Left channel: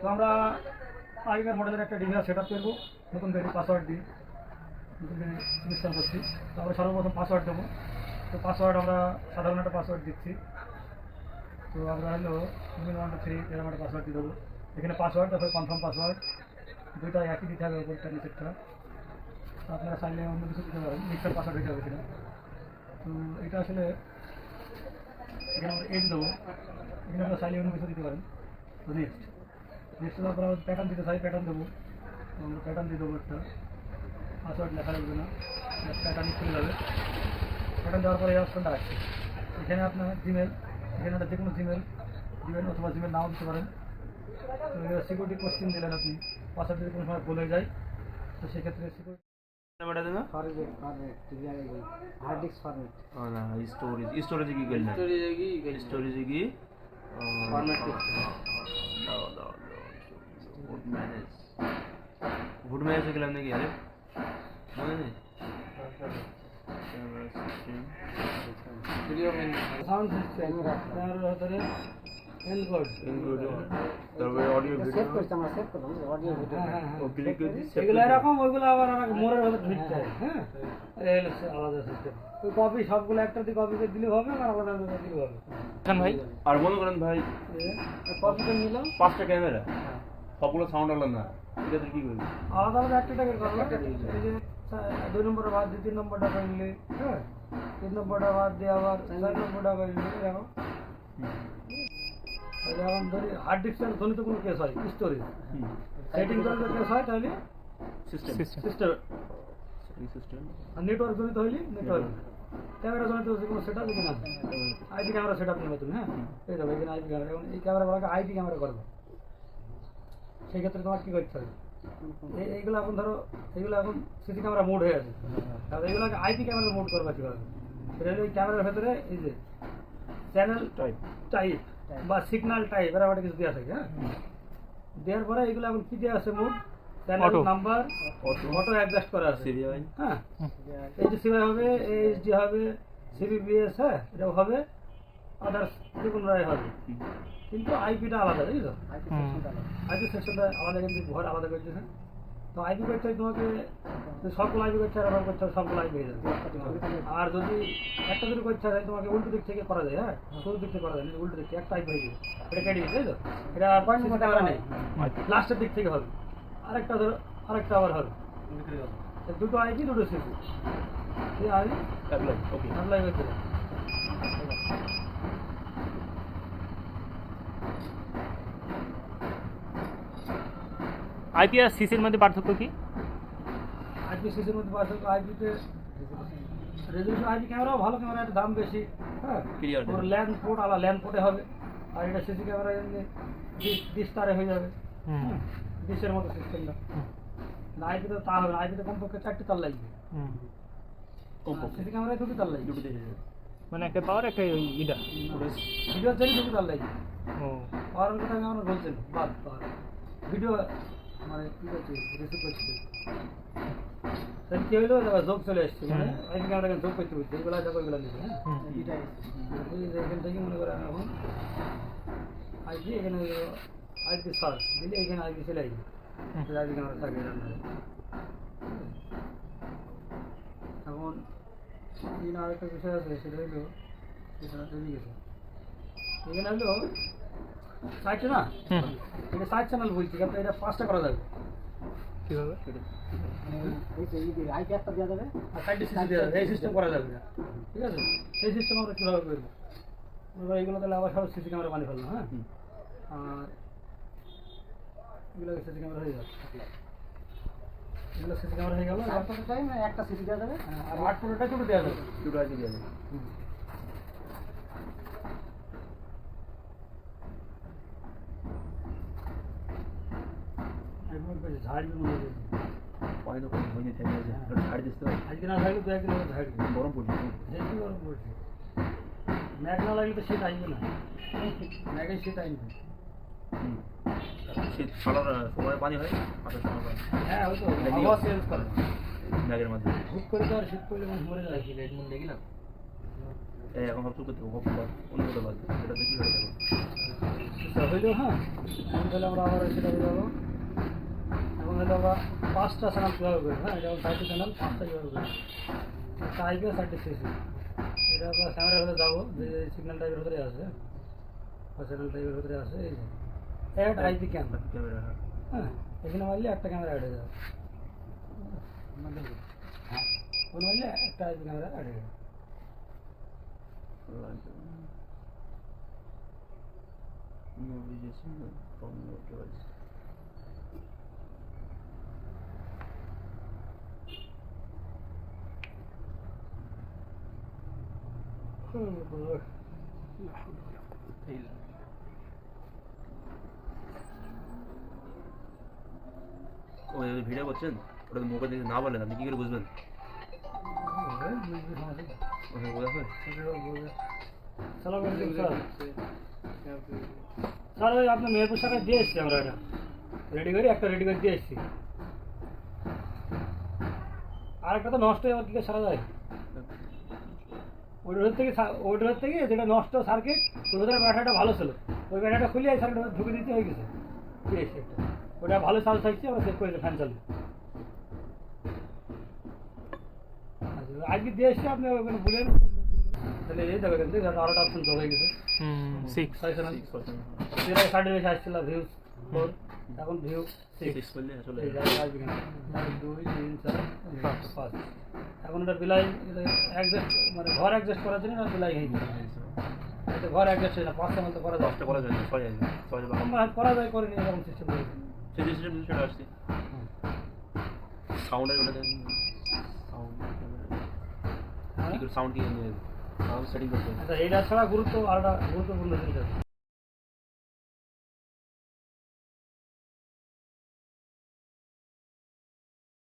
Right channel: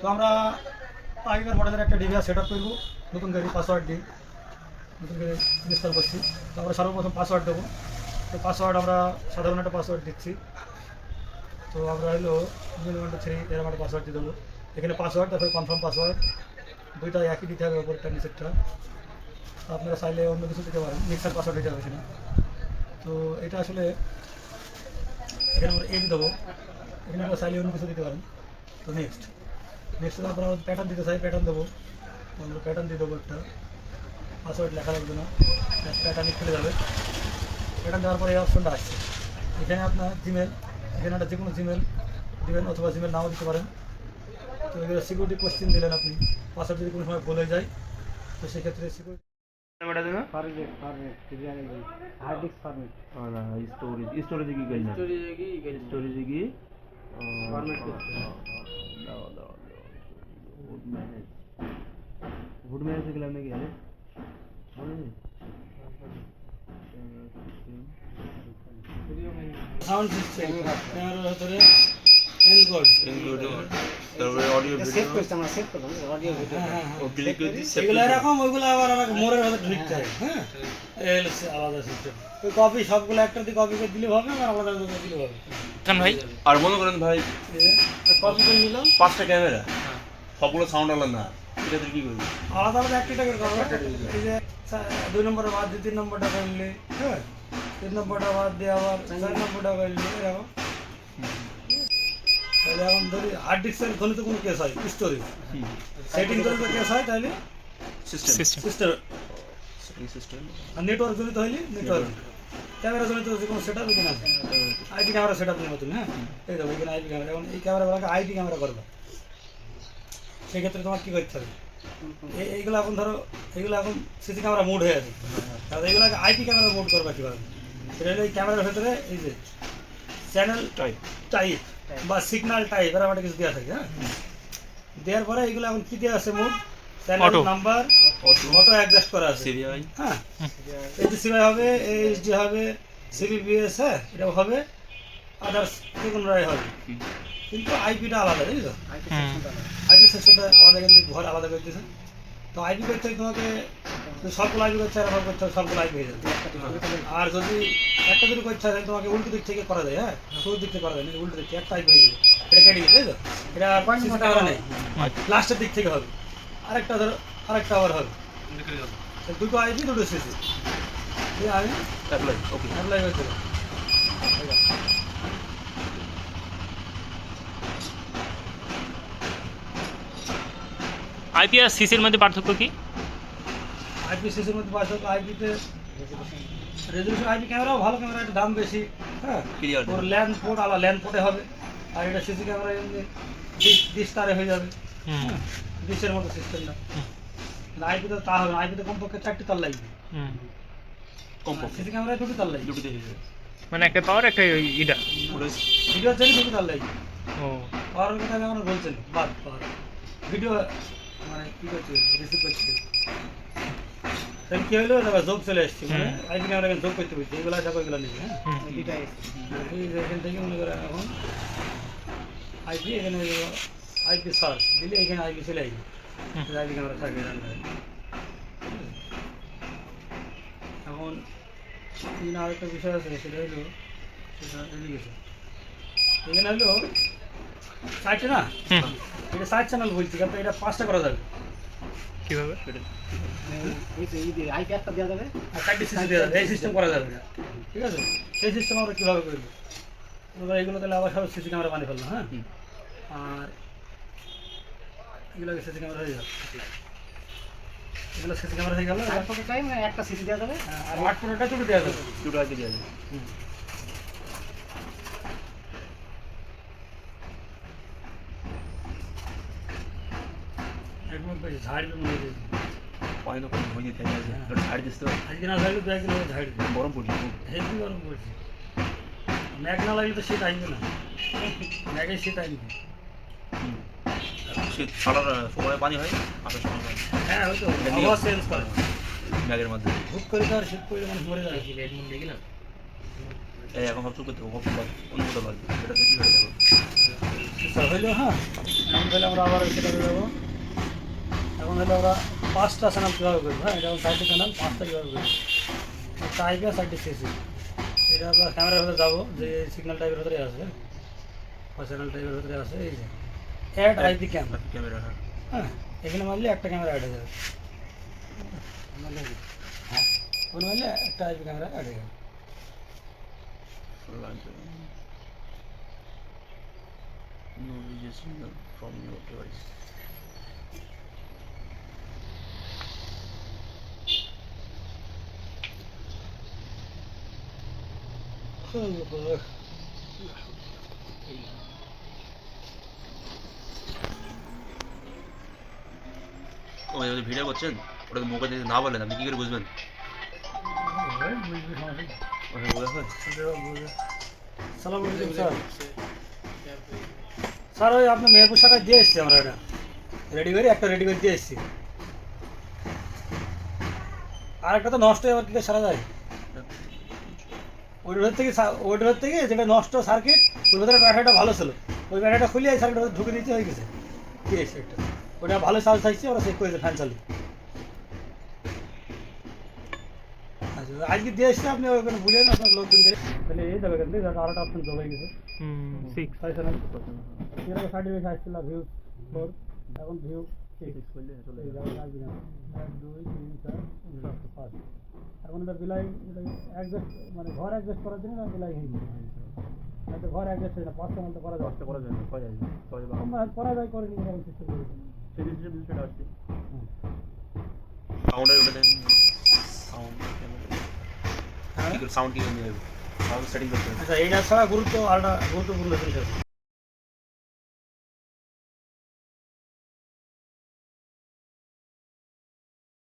তো আমরা আগেকার মডেলের একটা ডিভিআর সেট আপ করব, নতুন গাড়ি পাসওয়ার্ড দিয়ে, নতুন গাড়ি ইনস্টল করছি। তো আমরা সর্বপ্রথম পাসওয়ার্ড দেবো। তো পাসওয়ার্ড আমরা সাধারণ একটা পাসওয়ার্ড দিচ্ছি। তো আমরা হলো জিরো ওয়ান থ্রি এরকম একটা পাসওয়ার্ড দিয়ে দেবো। এখানে পাসওয়ার্ড তারপরে কনফার্ম পাসওয়ার্ড দুইটা একই দিতে হবে ওপরটা নিচেরটা। আপনারা চাইলে অন্য কিছু দিতে পারেন মিক্সার পাসওয়ার্ড দিতে হবে সেটা তো এটা আসলে এখানে আমরা এজ দেবো। এখানে আমরা চাইলে অন্য কিছু দিতে পারেন। তো নেক্সট নেক্সট আপনারা প্যাটার্ন দিতে চাই প্যাটার্ন দেবো। আমরা প্যাটার্ন দিয়ে দেবো একটা। পাসওয়ার্ড লেখা লাগবে না। প্যাটার্নই খুলে যাবে। প্যাটার্ন দেওয়ার পরে এই অপশনটা আসছে। এখানে আপনার জিমেল এখানে একটা যে কোনো জিমেল দিবেন অথবা জিমেল নাও দিতে পারেন। তো সিকিউরিটি কোশ্চেন দিলেন আপনি। পাসওয়ার্ড যদি কোনো সময় ভুলে যায় তো সেক্ষেত্রে সিকিউরিটি বেটা দেনা। Format format hard disk format না স্টোরেজ স্টোরেজে কি করলেন? স্টোরেজে কি ফুড ম্যানেজ ফুড ম্যানেজে গেলাম নাকি আরে মনে নেই সাউন্ড সিস্টেম ক্যামেরার ভিতরে এনকোড ইনক্লুডিং তারপরে অডিও সেভ ভিডিও আমরা সেভ করলাম অডিও ভিডিও হ্যাঁ হ্যাঁ ও ক্লিক করে দিই এগুলো এরকম ওইগুলো আবার আমার মোড়ের ভিতরে ঢুকতে হয় হ্যাঁ? আলাদা সিস্টেম কপি সবগুলো একটা দিয়ে কপি করে দিলে হবে আলাদা আলাদা দিলে হবে? ভাই? আর মনে করেন ভাই কপি করে নিলাম। পাঁচটা ক্যামেরা সবগুলো সাউন্ড আলাদা। না এটাতে কি করবি? আলাদা আলাদা একটা টাকা করব। এই যে দুই নম্বরটা বাদ দিয়ে তিন নম্বরটা করলে হ্যাঁ? তিন নম্বরটা বাদ দিয়ে আবার চার নম্বরটা করলে এরকম তাহলে এখন ধরি হার্ড ডিস্কের ঘনিত কোনো কেস হয় স্টোরেজ সেটিং করে কেস হয় তাহলে? সিস্টেম সিস্টেম সিস্টেম নেটওয়ার্ক জনিত হইলে নেটওয়ার্ক ক্যামেরা জনিত কোনো সেট আপ আছে? আইপি ক্যামেরা সেট আপ নতুন হ্যাঁ? এই দেখো এখানে আইপি ক্যামেরা এখন এই ক্যামেরাগুলোকে আইপি ক্যামেরা করবে। সেক্ষেত্রে তোমার কী করতে হবে? এইগুলো এখন ধরো এগুলো এখন সিসি ক্যামেরা মুড হয়ে আছে। তাহলে এগুলোকে আইপি ক্যামেরা মোড করবে কীভাবে? সেটা হলো এই ক্যামেরার ভেতরে এই যে চ্যানেল টাইপ টাইপ বা সিগন্যাল টাইপ এরকম একটা কিছু দেওয়া থাকে হ্যাঁ? দেওয়ার পরে এগুলো এখন কী দেওয়া আছে mode? Channel number auto auto adjust করা আছে। হ্যাঁ? হবে এইচডি হবে হ্যাঁ? এটা হবে। আদার্স যে হবে। কিন্তু আইপিটা আলাদা বুঝছ? আইপি সিস্টেমটা আলাদা। কিন্তু ঘর আলাদা করে দিয়েছে। তো আইপি করতে তোমাকে সবগুলো আইপি করতে হয় ব্যবহার করতে হয় সবগুলো আইপি হয়ে যাবে। আর যদি একটা যদি করতে হয় তাহলে তোমাকে উল্টো দিক থেকে করা যায় হ্যাঁ? শুরু দিক থেকে করা যায় উল্টো দিক থেকে একটা আইপি হয়ে যাবে। এটা কেটে গেছে তো এটা সিসি ক্যামেরা নেই। লাস্টের দিক থেকে হবে। আরেকটা ধরো আরেকটা আবার হবে। তো দুটো আইপি দুটো সিসি আমি অ্যাপ্লাই ওকে অ্যাপ্লাই করতে আইপি আর সিসির মধ্যে পার্থক্য কি? আইপি সিসির মধ্যে পাশে আইপিতে রেজলিউশন আইপি ক্যামেরাও ভালো ক্যামেরা একটু দাম বেশি হ্যাঁ? Clear ওর ল্যান্ড পোর্ট আলাদা ল্যান্ড পোর্টে হবে। আর এটা সিসি ক্যামেরা এমনি ডিস্টারে হয়ে যাবে। হুম। ডিশের মতো সিস্টেমটা। আইপিতে তা হবে আইপিতে কমপক্ষে চারটি তার লাগবে। হুম। কমপক্ষে। সিসি ক্যামেরায় দুটি তার লাগবে। দুটো মানে একটা পাওয়ার একটা ওই ইটা ভিডিও চাইলে দুটি তার লাগবে। ও। পাওয়ার কথা আমি আমরা বলছেন বাদ পাওয়ার ভিডিও মানে কি করছে রিসিভ করছে তাহলে কি হলো এবার যোগ চলে এসছে মানে হুম। আইপি ক্যামেরা যোগ করতে বলছে এগুলো দেখো এগুলো নিবে হ্যাঁ হুম এই যে এখান থেকে মনে করেন এখন আইপি এখানে আইপি সার্চ দিলে এখানে আইপি চলে আসবে হুম। আইপি ক্যামেরা থাকবে এখানে। এখন এখানে আরেকটা বিষয় আছে সেটা হলো সেটা এদিকে এখানে হলো চারটে না হুম এটা সাইড চ্যানেল বলছি কিন্তু এটা পাঁচটা করা যাবে কীভাবে ওই যে এই যে আইপি একটা দেওয়া যাবে আর চারটি সিস্টেম দেওয়া যাবে এই সিস্টেম করা যাবে না ঠিক আছে সেই সিস্টেম আমরা কীভাবে করব এবার এগুলো তাহলে আবার সব সিসি ক্যামেরা বানিয়ে ফেললাম হ্যাঁ হুম। আর এগুলো সিসি ক্যামেরা হয়ে যাবে এগুলো সিসি ক্যামেরা হয়ে গেল চার ফোটো টাইম একটা সিসি দেওয়া যাবে আর আট পনেরোটা দুটো দেওয়া যাবে দুটো আগে দিয়ে দেবে ঝাড় দিয়ে মনে হয় পানি তো কম হয়ে থেকে আছে হ্যাঁ। ছাড়ি দিতে হবে আজকে না ঝাড়লে দু একদিন ঝাড় গরম পড়ছে। হেভি গরম পড়ছে ম্যাগ না লাগলে তো শীত আসবে না ম্যাগে শীত আসবে সারা সময় পানি হয় আসার সময় পানি হ্যাঁ হয়তো আবহাওয়া চেঞ্জ করে মাধ্যমে করে তো আর শীত পড়লে মরে যায় রেডমুন দেখি না এই এখন ভাবছ করতে হোক অন্য কোথাও লাগবে এটা দেখি হয়ে যাবে হ্যাঁ আমরা আবার সেটা হয়ে যাব এখন তাহলে আমরা পাঁচটা চ্যানেল কীভাবে করব হ্যাঁ এটা চারটে চ্যানেল পাঁচটা কীভাবে করব টাইপে চারটে সিসি এটা আমরা ক্যামেরার ভেতরে যাব যে সিগন্যাল টাইপের ভেতরে আছে বা চ্যানেল টাইপের ভেতরে আছে এই যে অ্যাড আইপি ক্যামেরা ক্যামেরা হ্যাঁ হ্যাঁ এখানে মারলে একটা ক্যামেরা অ্যাড হয়ে যাবে হ্যাঁ ওখানে মারলে একটা আইপি ক্যামেরা অ্যাড হয়ে যাবে লাগবে No video signal from your device. Video করছেন? ওটা মুখে যদি না বলেন আপনি কি করে বুঝবেন? স্যার। ওই আপনি মেহেরপুর শাখায় দিয়ে এসছি আমরা এটা। রেডি করে, একটা রেডি করে দিয়ে এসছি। আর একটা তো নষ্ট হয়ে কি সারা যায়? ওইটার থেকে ওইটার থেকে যেটা নষ্ট সার্কিট ওই ভেতরে ব্যাটারিটা ভালো ছিল ওই ব্যাটারিটা খুলে এই সার্কিটটা ঢুকে দিতে হয়ে গেছে এসছি একটা ওটা ভালো চার্জ থাকছে ওরা চেক করেছে ফ্যান চালু আচ্ছা আজকে দিয়ে এসছি আপনি ওখানে আপনার লোকজন তাহলে এই দেখো কিন্তু আরেকটা অপশন যোগ হয়ে গেছে হুম সিক্স চ্যানেল এর আগে বেশি আসছিল ভিউ ফোর এখন ভিউ সিক্স করলে চলে যাবে। দুই তিন চার পাঁচ। এখন এটা বিলাই অ্যাডজাস্ট মানে ঘর অ্যাডজাস্ট করার জন্য এটা বিলাই এটা ঘর অ্যাডজাস্ট হয় না পাঁচ চ্যানেল তো করা যায়। করা যায় না ছয় যাবে করা যায় করিনি এরকম সিস্টেম করেছে সেই সিস্টেম সেটা আসছে। সাউন্ডের ওটা সাউন্ড সাউন্ড কি সাউন্ড সেটিং করতে আচ্ছা এইটা ছাড়া গুরুত্ব আরেকটা গুরুত্বপূর্ণ জিনিস আছে।